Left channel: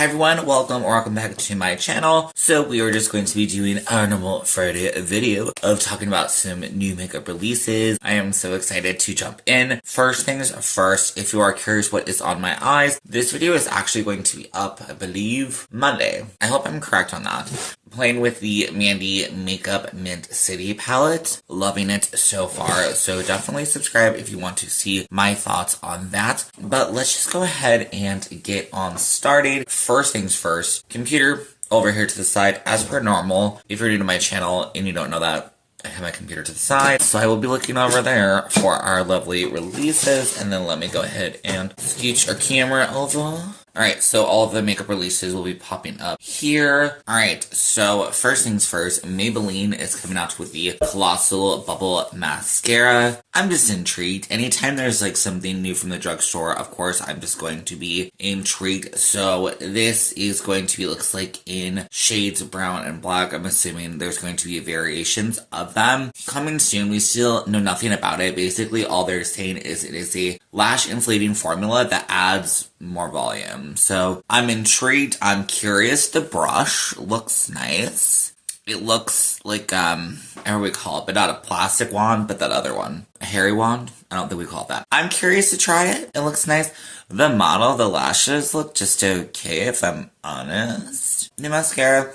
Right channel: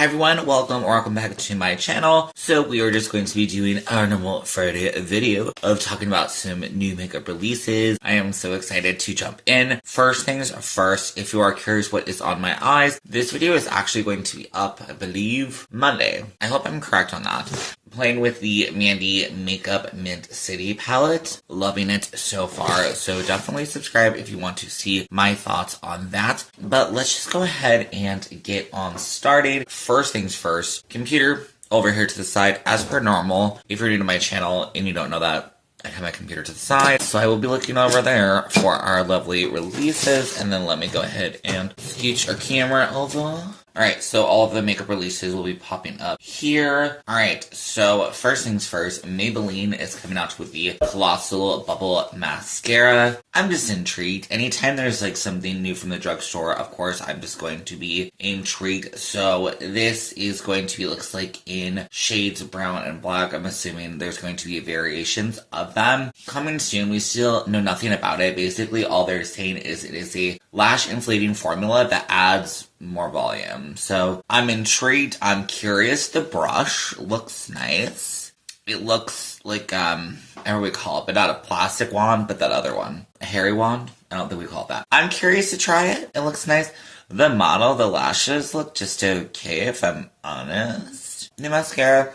Hi everyone, welcome back to my channel. So we are just going to be doing our normal Friday video of talking about some new makeup releases. I am so excited to jump in. First things first, if you are curious what is on my eyes, this video is actually going to be up, I believe, Monday. I hope I'm correct on that. Playing with the Mandy Makeup Mint City palette. Loving it so far. So definitely subscribe if you want to see my thoughts on that. But let's just go ahead and get on started. First things first, computer over here to the side as per normal. If you're new to my channel and you don't know that, I have my computer to the side, so I will be looking over there for our lovely releases, and then let me go ahead and switch our camera over. Alright, so all of the makeup releases will be popping up here. Alright, so first things first, Maybelline is coming out with the Colossal Bubble Mascara. I'm just intrigued. Anytime there's like something new from the drugstore, of course, I'm just going to be intrigued. So this is going to be, looks like in shades brown and black. I'm assuming there's going to be variations of them. Coming soon, we still know nothing about it. Basically, all they're saying is it is a lash inflating formula that adds more volume. So I'm intrigued. I'm curious. The brush looks nice. It looks like, however we call it, but not a plastic wand, but that other one. A hairy wand? I don't think we call it that. I'm curious to try it. It looks nice. The model, the lashes look just okay, if I'm honest. The mascara,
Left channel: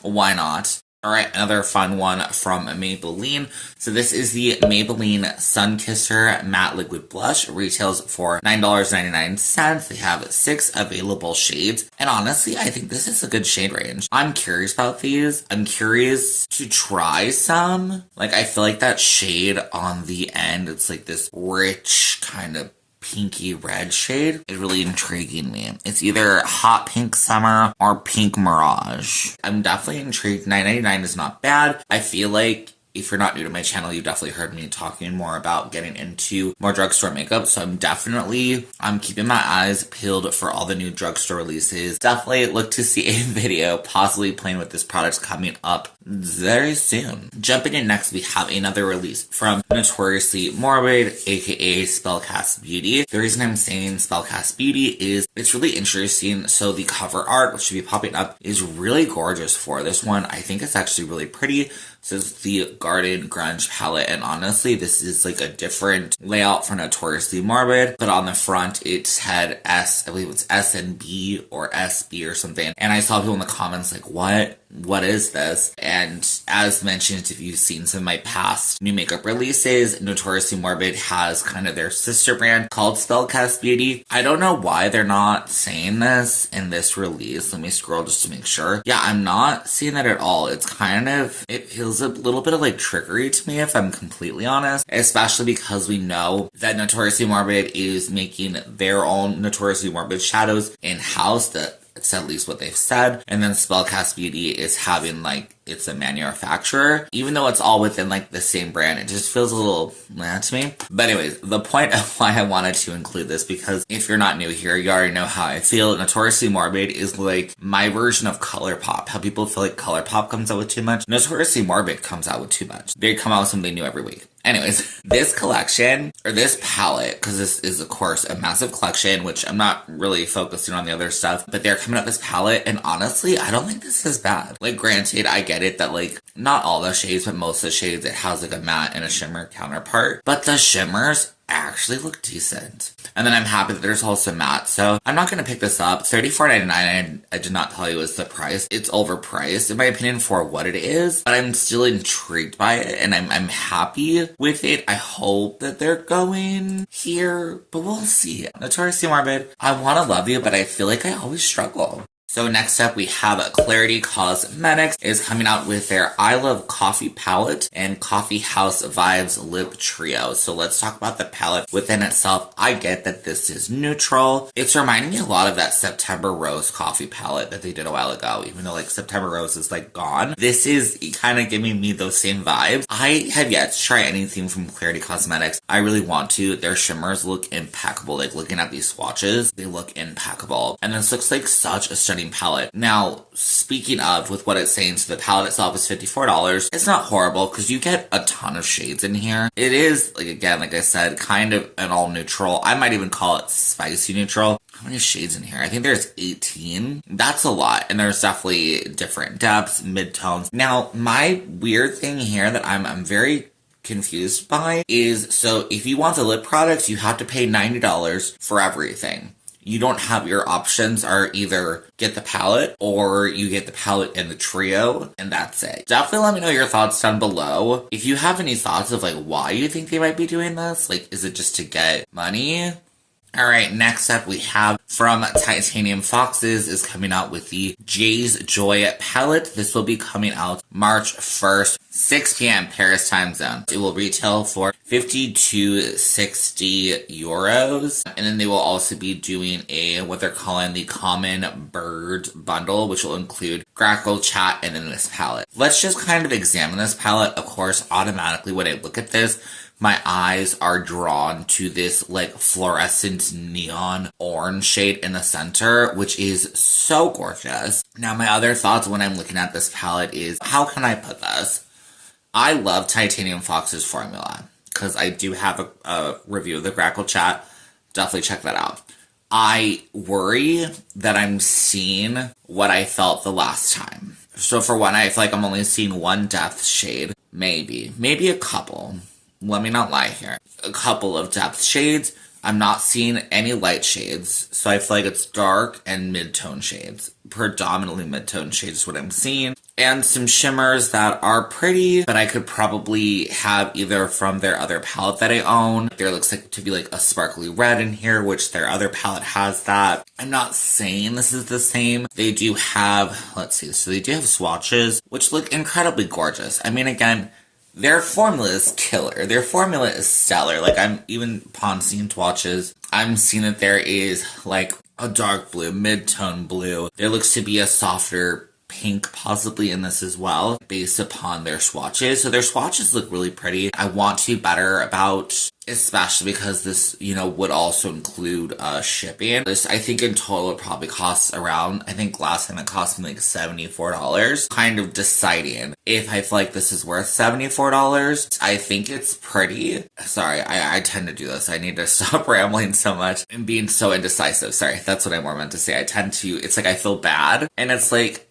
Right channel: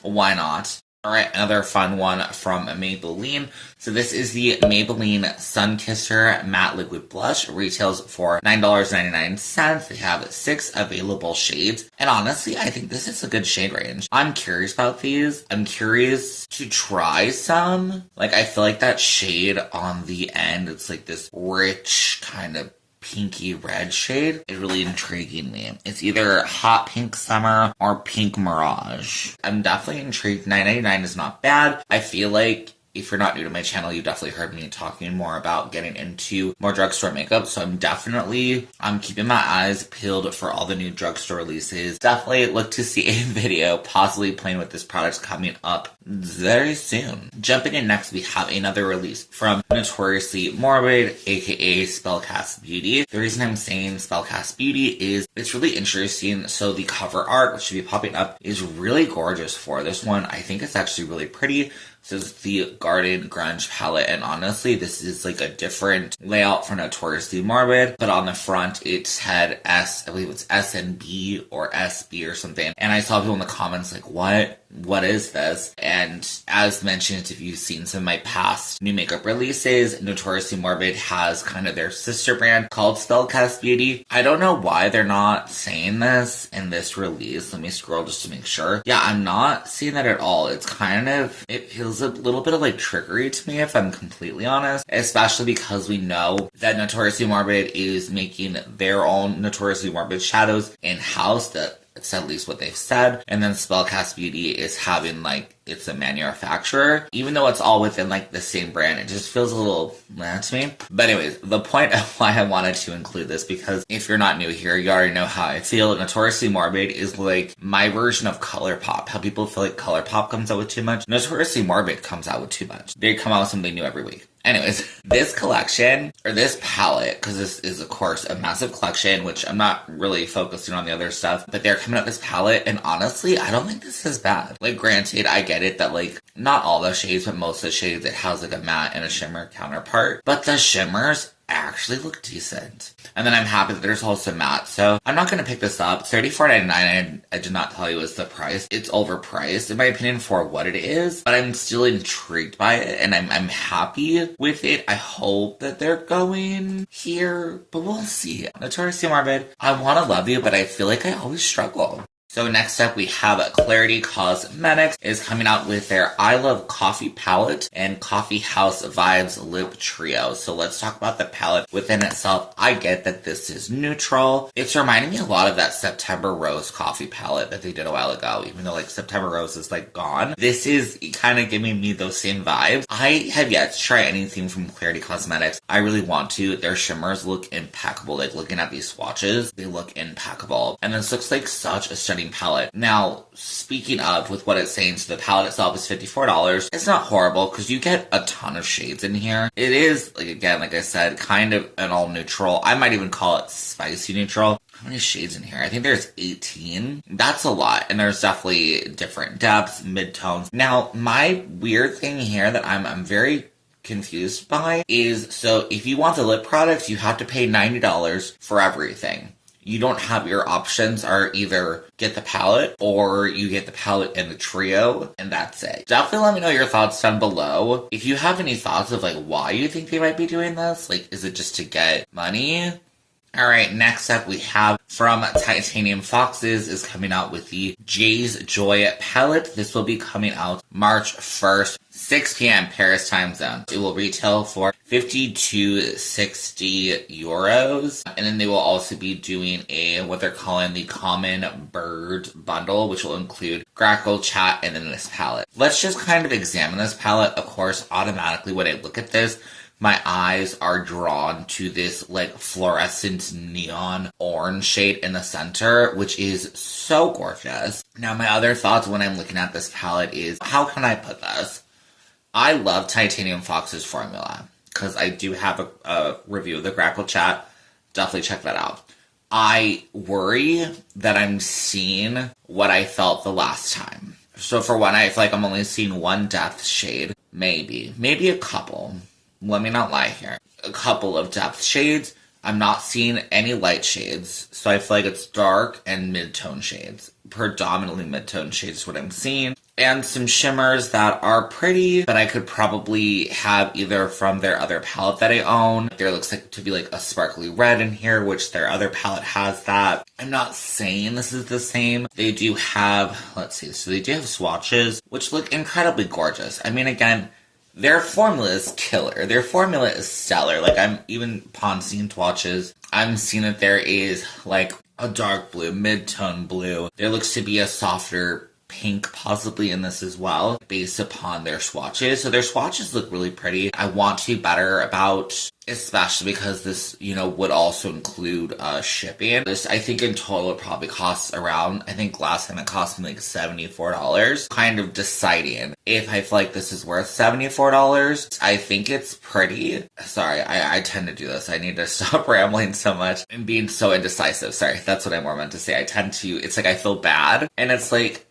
why not? Alright, another fun one from Maybelline. So this is the Maybelline Sun Kisser Matte Liquid Blush. It retails for $9.99. They have 6 available shades. And honestly, I think this is a good shade range. I'm curious about these. I'm curious to try some. Like, I feel like that shade on the end, it's like this rich kind of pinky red shade is really intriguing me. It's either hot pink summer or pink mirage. I'm definitely intrigued. $9.99 is not bad. I feel like if you're not new to my channel, you definitely heard me talking more about getting into more drugstore makeup. So I'm keeping my eyes peeled for all the new drugstore releases. Definitely look to see a video possibly playing with this product coming up very soon. Jumping in next, we have another release from Notoriously Morbid, aka Spellcast Beauty. The reason I'm saying Spellcast Beauty is it's really interesting. So the cover art, which should be popping up, is really gorgeous for this one. I think it's actually really pretty. So it's the Garden Grunge palette, and honestly, this is like a different layout for Notoriously Morbid, but on the front, it's had I believe it's S and B or SB or something, and I saw people in the comments like, what is this? And as mentioned, if you've seen some of my past new makeup releases, Notoriously Morbid has kind of their sister brand called Spellcast Beauty. I don't know why they're not saying this in this release. Let me scroll just to make sure. Yeah, I'm not seeing that at all. It feels a little bit of like trickery to me, if I'm completely honest, especially because we know that Notoriously Morbid is making their own Notoriously Morbid shadows in-house. That's at least what they've said. And then Spellcast Beauty is having like, it's a manufacturer. Even though it's all within like the same brand, it just feels a little meh to me. But anyways, the point of why I wanted to include this, because if you're not new here, you already know how I feel. Notoriously Morbid is like my version of ColourPop. How people feel like ColourPop comes out with too much. Notoriously Morbid comes out with too much. They come out with something new every week. Anyways, this collection, or this palette, because this is, of course, a massive collection, which I'm not really focusing on the other stuff, but they're coming out with this palette, and honestly, I don't think this is bad. Like, granted, I get it that, like, not all the shades, but most of the shades, it has, like, a matte and a shimmer counterpart, but the shimmers actually look decent. And then I'm happy that there's also matte, so I'm not going to pick this up. $34.99, I did not tell you is the price. It's overpriced, in my opinion, for what it is, but I'm still intrigued by it, and I'm happy with it. I hope that they're going here, but we'll see. Notoriously Morbid, I want to love you, but I feel like I always struggle. So next up, we have Klarity Kosmetics is coming out with their I Love Coffee palette and Coffee House Vibes Lip Trio. So let's talk about the palette within itself. I get that this is neutral. It's reminding me a lot of that September Rose coffee palette that they did a while ago, even though like September Rose is like gone. This is kind of giving me those same vibes. I have yet to try anything from Klarity Kosmetics. I really want to. Their shimmers look impeccable. Like looking at these swatches, they look impeccable. And this looks like such a stunning palette. Now, speaking of, with what it's saying, so the palette itself is $54. It's not horrible because you get a ton of shades in here. It is, like again, like I said, kind of an all neutral. I might even call it spicy neutral. how many shades in here? I think there's 18. That's a lot. And there's definitely different depths, mid-tones. Now, my weird thing here that I'm very confused by is, so if you want the lip products, you have to pay $90 for everything. You don't have, your options are either get the palette or you get the palette and the trio, and that's it. Definitely let me know your thoughts down below. If you have any thoughts of like why you think they might be doing this, like is it just to get money? Alright, next up we have from Titanium Foxes is coming out with the Jay's Joy palette. This will be coming out March 1st, 6 p.m. Paris time zone. It will retail for 50 to 60 euros. And then they will also be doing what they're calling the Common Bird bundle, which will include Grackle, Chat, and then this palette. Let's just kind of examine this palette. Of course, automatically when I look at this, my eyes are drawn to this like fluorescent neon orange shade in the center, which is so gorgeous. Now, my other thoughts when I'm looking at this palette is, how can I put this? I love Titanium Fox's formula because I do have a review of the Grackle Chat. Definitely check that out. I worry that I'm seeing what I felt the last time. So for one, I feel like I'm only seeing one depth shade, maybe a couple. Let me not lie here. A couple of depth shades. I'm not seeing any light shades, so I feel like it's dark and mid-tone shades. Predominantly mid-tone shades is what I'm seeing. And some shimmers that are pretty, but I could probably have either from their other palette that I own. There looks like to be like a sparkly red in here, which their other palette has that. I'm not saying this is the same. They do have, let's see, so they do have swatches, which look incredibly gorgeous. I mean, again, their formula is killer. Their formula is stellar. Like, I'm even upon seeing swatches, I'm seeing that there is like a dark blue, mid-tone blue. There looks to be a softer pink possibly in this as well, based upon their swatches. So their swatches look really pretty. I want to be better about, especially because this, you know, would also include shipping. This, I think in total, it probably costs around, I think last time it cost me like $74. Kind of deciding if I feel like this is worth $74. I think it's pretty. Sorry, I tend to do this. I need to stop rambling so much and being so indecisive. Sorry, that's what I more meant to say. I tend to, it's like I feel bad, and it's like,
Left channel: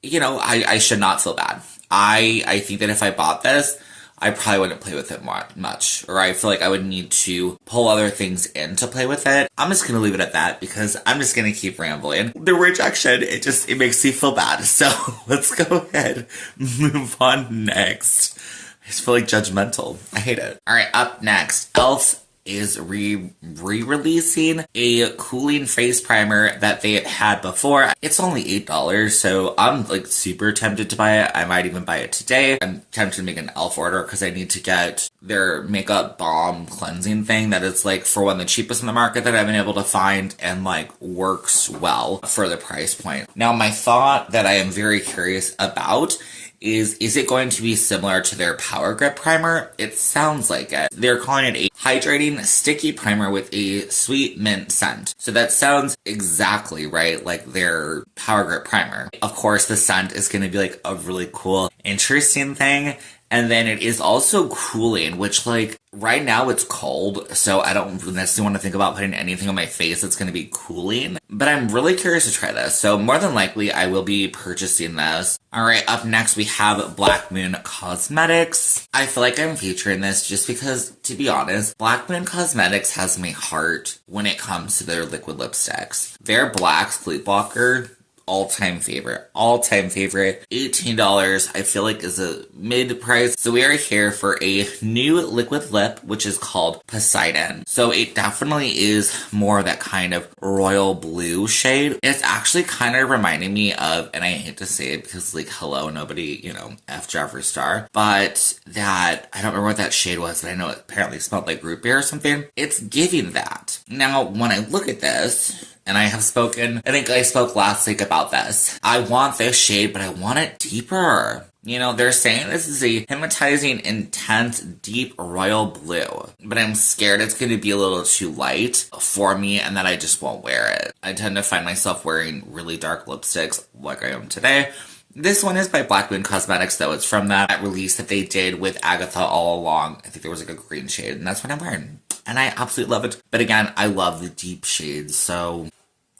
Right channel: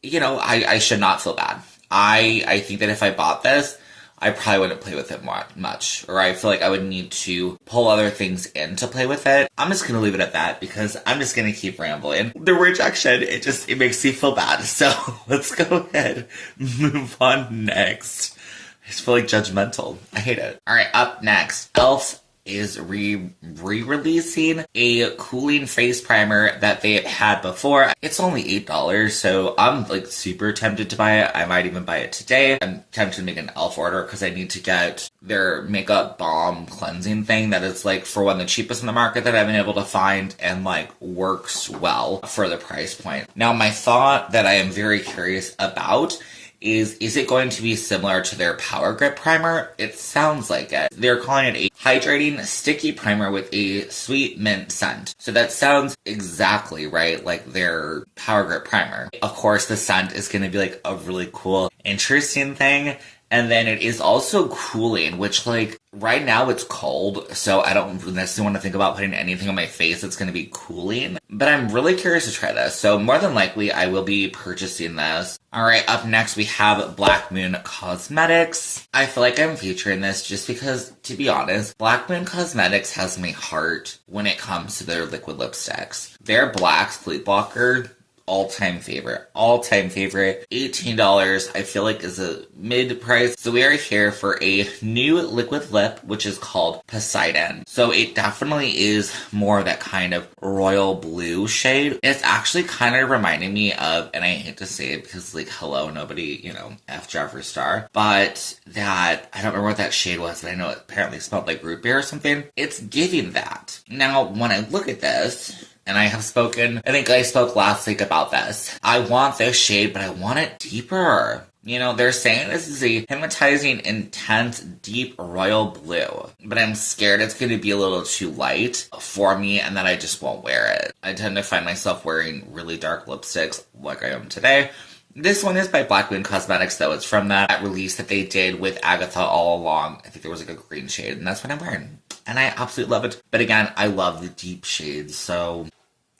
you know, I should not feel bad. I think that if I bought this, I probably wouldn't play with it much. Or I feel like I would need to pull other things in to play with it. I'm just gonna leave it at that because I'm just gonna keep rambling. The rejection, it makes me feel bad. So let's go ahead and move on next. I just feel like judgmental. I hate it. Alright, up next, e.l.f. is re-releasing a cooling face primer that they had before. It's only $8, so I'm like super tempted to buy it. I might even buy it today. I'm tempted to make an e.l.f. order because I need to get their makeup balm cleansing thing that is like for one of the cheapest in the market that I've been able to find and like works well for the price point. Now, my thought that I am very curious about is it going to be similar to their Power Grip primer? It sounds like it. They're calling it a hydrating sticky primer with a sweet mint scent. So that sounds exactly right like their Power Grip primer. Of course, the scent is going to be like a really cool, interesting thing. And then it is also cooling, which like right now it's cold, so I don't necessarily want to think about putting anything on my face that's going to be cooling. But I'm really curious to try this, so more than likely I will be purchasing this. Alright, up next we have Black Moon Cosmetics. I feel like I'm featuring this just because, to be honest, Black Moon Cosmetics has my heart when it comes to their liquid lipsticks. Their Black Sleep Blocker, all-time favorite. $18, I feel like is a mid-price. So we are here for a new liquid lip, which is called Poseidon. So it definitely is more that kind of royal blue shade. It's actually kind of reminding me of, and I hate to say it because like, hello, nobody, you know, F Jeffree Star, but that, I don't remember what that shade was, but I know it apparently smelled like root beer or something. It's giving that. Now, when I look at this, and I have spoken, I think I spoke last week about this. I want this shade, but I want it deeper. You know, they're saying this is a hypnotizing, intense, deep royal blue. But I'm scared it's going to be a little too light for me and that I just won't wear it. I tend to find myself wearing really dark lipsticks like I am today. This one is by Black Moon Cosmetics, though. It's from that release that they did with Agatha All Along. I think there was like a green shade, and that's what I'm wearing. And I absolutely love it. But again, I love the deep shades, so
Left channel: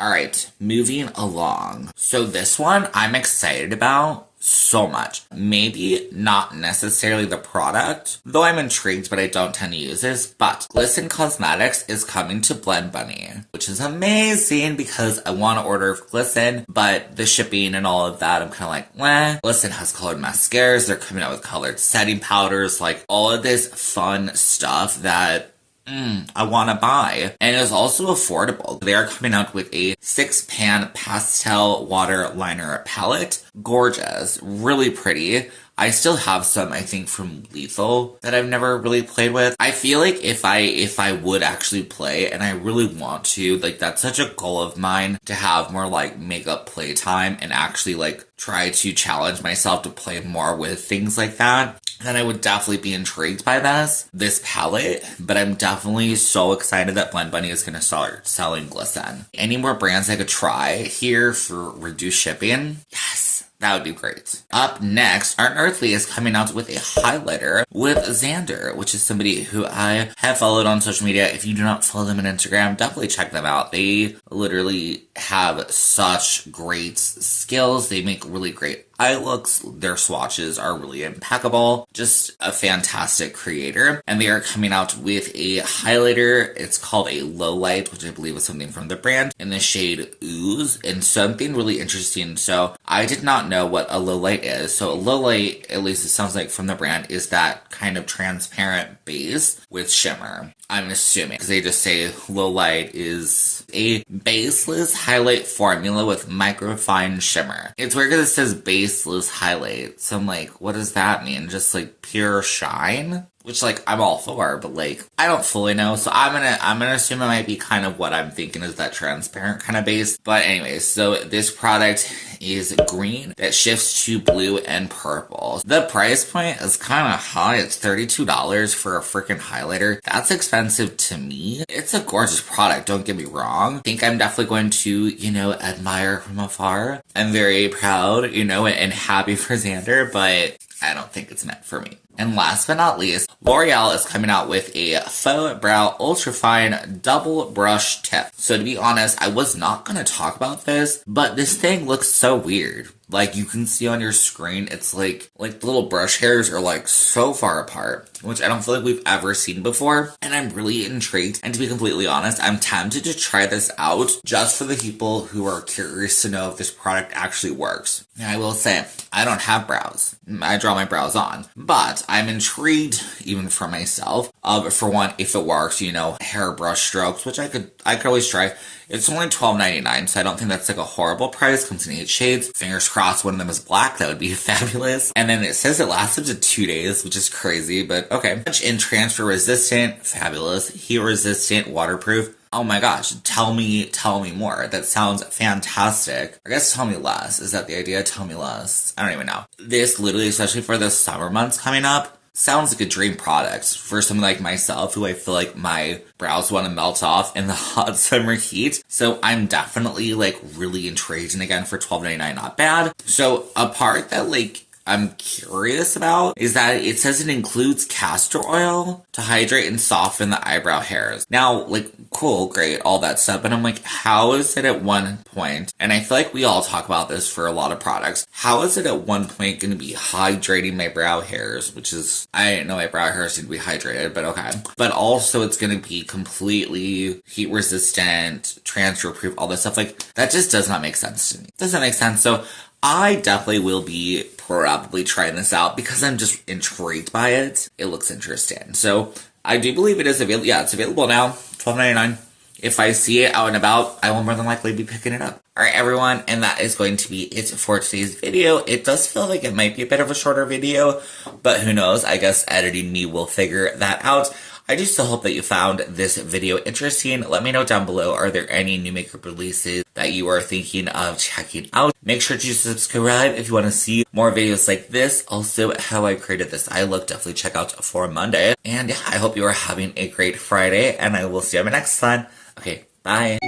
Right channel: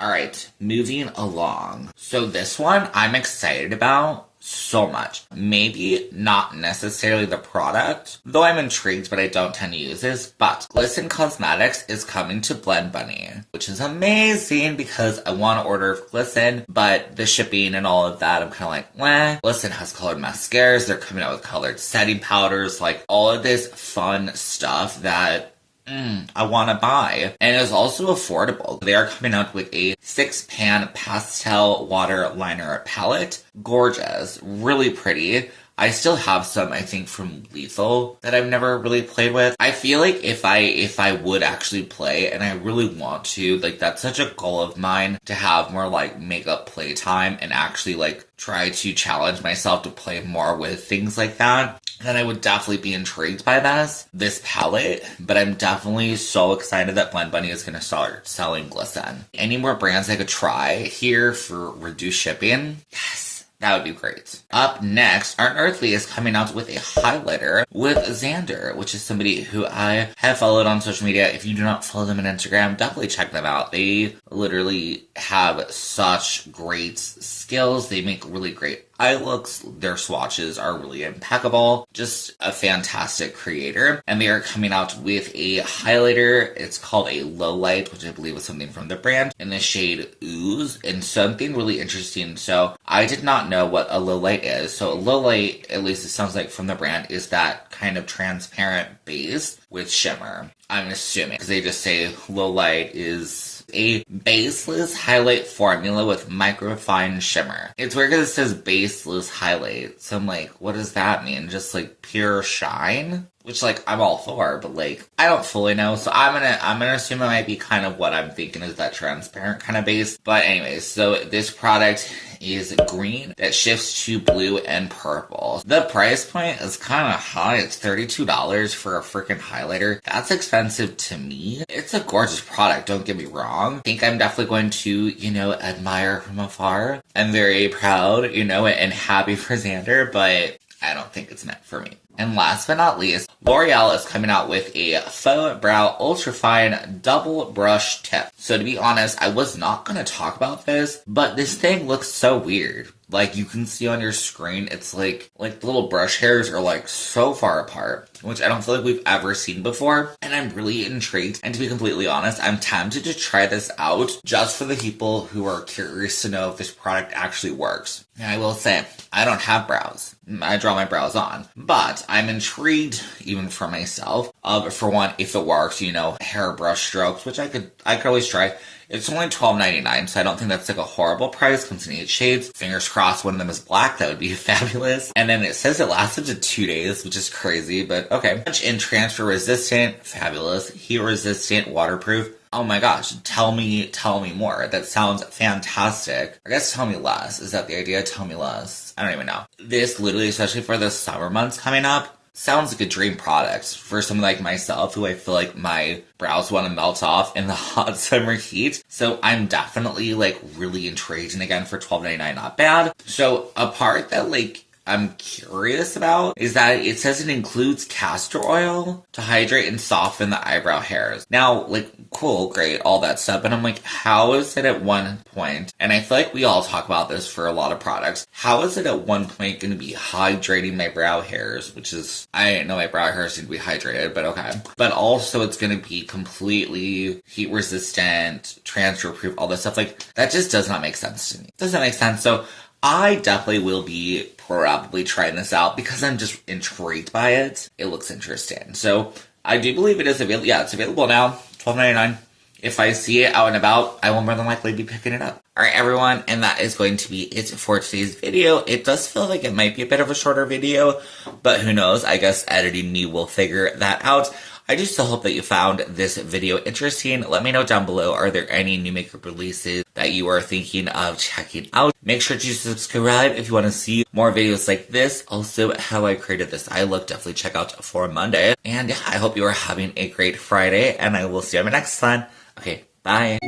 Alright, moving along. So this one I'm excited about so much. Maybe not necessarily the product, though I'm intrigued, but I don't tend to use this. But Klarity Kosmetics is coming to Blend Bunny, which is amazing because I want to order Glisten, but the shipping and all of that, I'm kind of like, meh. Glisten has colored mascaras, they're coming out with colored setting powders, like all of this fun stuff that I want to buy. And it is also affordable. They are coming out with a 6-pan pastel water liner palette. Gorgeous. Really pretty. I still have some, I think, from Lethal that I've never really played with. I feel like if I would actually play, and I really want to, like, that's such a goal of mine to have more, like, makeup playtime and actually, like, try to challenge myself to play more with things like that, then I would definitely be intrigued by this palette. But I'm definitely so excited that Blend Bunny is going to start selling Glisten. Any more brands I could try here for reduced shipping? Yes. That would be great. Up next, Unearthly is coming out with a highlighter with Xander, which is somebody who I have followed on social media. If you do not follow them on Instagram, definitely check them out. They literally have such great skills. They make really great eye looks. Their swatches are really impeccable. Just a fantastic creator. And they are coming out with a highlighter. It's called a low light, which I believe is something from the brand, in the shade Ooze, and something really interesting. So I did not know what a low light is. So a low light, at least it sounds like from the brand, is that kind of transparent base with shimmer. I'm assuming, because they just say low light is a baseless highlight formula with microfine shimmer. It's weird because it says baseless highlight, so I'm like, what does that mean? Just like pure shine? Which, like, I'm all for, but, like, I don't fully know, so I'm gonna assume it might be kind of what I'm thinking is that transparent kind of base. But anyways, so this product is green that shifts to blue and purple. The price point is kind of high. It's $32 for a freaking highlighter. That's expensive to me. It's a gorgeous product, don't get me wrong. I think I'm definitely going to, admire from afar. I'm very proud, and happy for Xander, but I don't think it's meant for me. And last but not least, Loreal is coming out with a faux brow ultrafine double brush tip. So to be honest, I was not going to talk about this, but this thing looks so weird. Like, you can see on your screen, it's like the little brush hairs are like so far apart, which I don't feel like we've ever seen before. And I'm really intrigued. And to be completely honest, I'm tempted to try this out just for the people who are curious to know if this product actually works. And I will say, I don't have brows. I draw my brows on. But I'm intrigued, even for myself, for one, if it works, hairbrush strokes, which I could always try. It's only $12.99, so I don't think that's like a horrible price. Comes in 8 shades. Fingers crossed one of them is black. That would be fabulous. And then it says it lasts up to 2 days, which is crazy, but okay. In transfer resistant, fabulous. Heat resistant, waterproof. Oh my gosh, tell me more. That sounds fantastic. I guess tell me less. Is that the idea? Tell me less. I don't even know. This literally, especially for the summer months coming up, sounds like a dream product for someone like myself who I feel like my brows want to melt off in the hot summer heat. So I'm definitely really intrigued, and again for $12.99, not bad. So a part that I'm curious about is that it says it includes castor oil to hydrate and soften the eyebrow hairs. Now, cool, great, all that stuff, but I'm like, how is it at one point, and I feel like we all talk about this for a lot of products, how is it at one point going to be hydrating my brow hairs, which is, I didn't know my brow hairs need to be hydrated, but okay. But also it's going to be completely heat resistant, transfer proof, all this stuff, that just does not make sense to me. Doesn't make sense, so I definitely will be probably trying this out because I'm just intrigued by it. It looks interesting. So I do believe it is available. Yeah, it's available now. $12.99. If I see it out and about, I will more than likely be picking it up. Alright everyone, and that is going to be it for today's video. It does feel like it might be a bit of a shorter video, but who knows, I guess editing me will figure that out. I just still hope that you found this video interesting. Let me know down below, are there any new makeup releases that you are thinking of checking out? Make sure to subscribe if you want to see more videos like this. Also, how I created this eye look, definitely check out for Monday. And yeah, I hope you are having a great Friday, and I will see you on my next one. Okay, bye.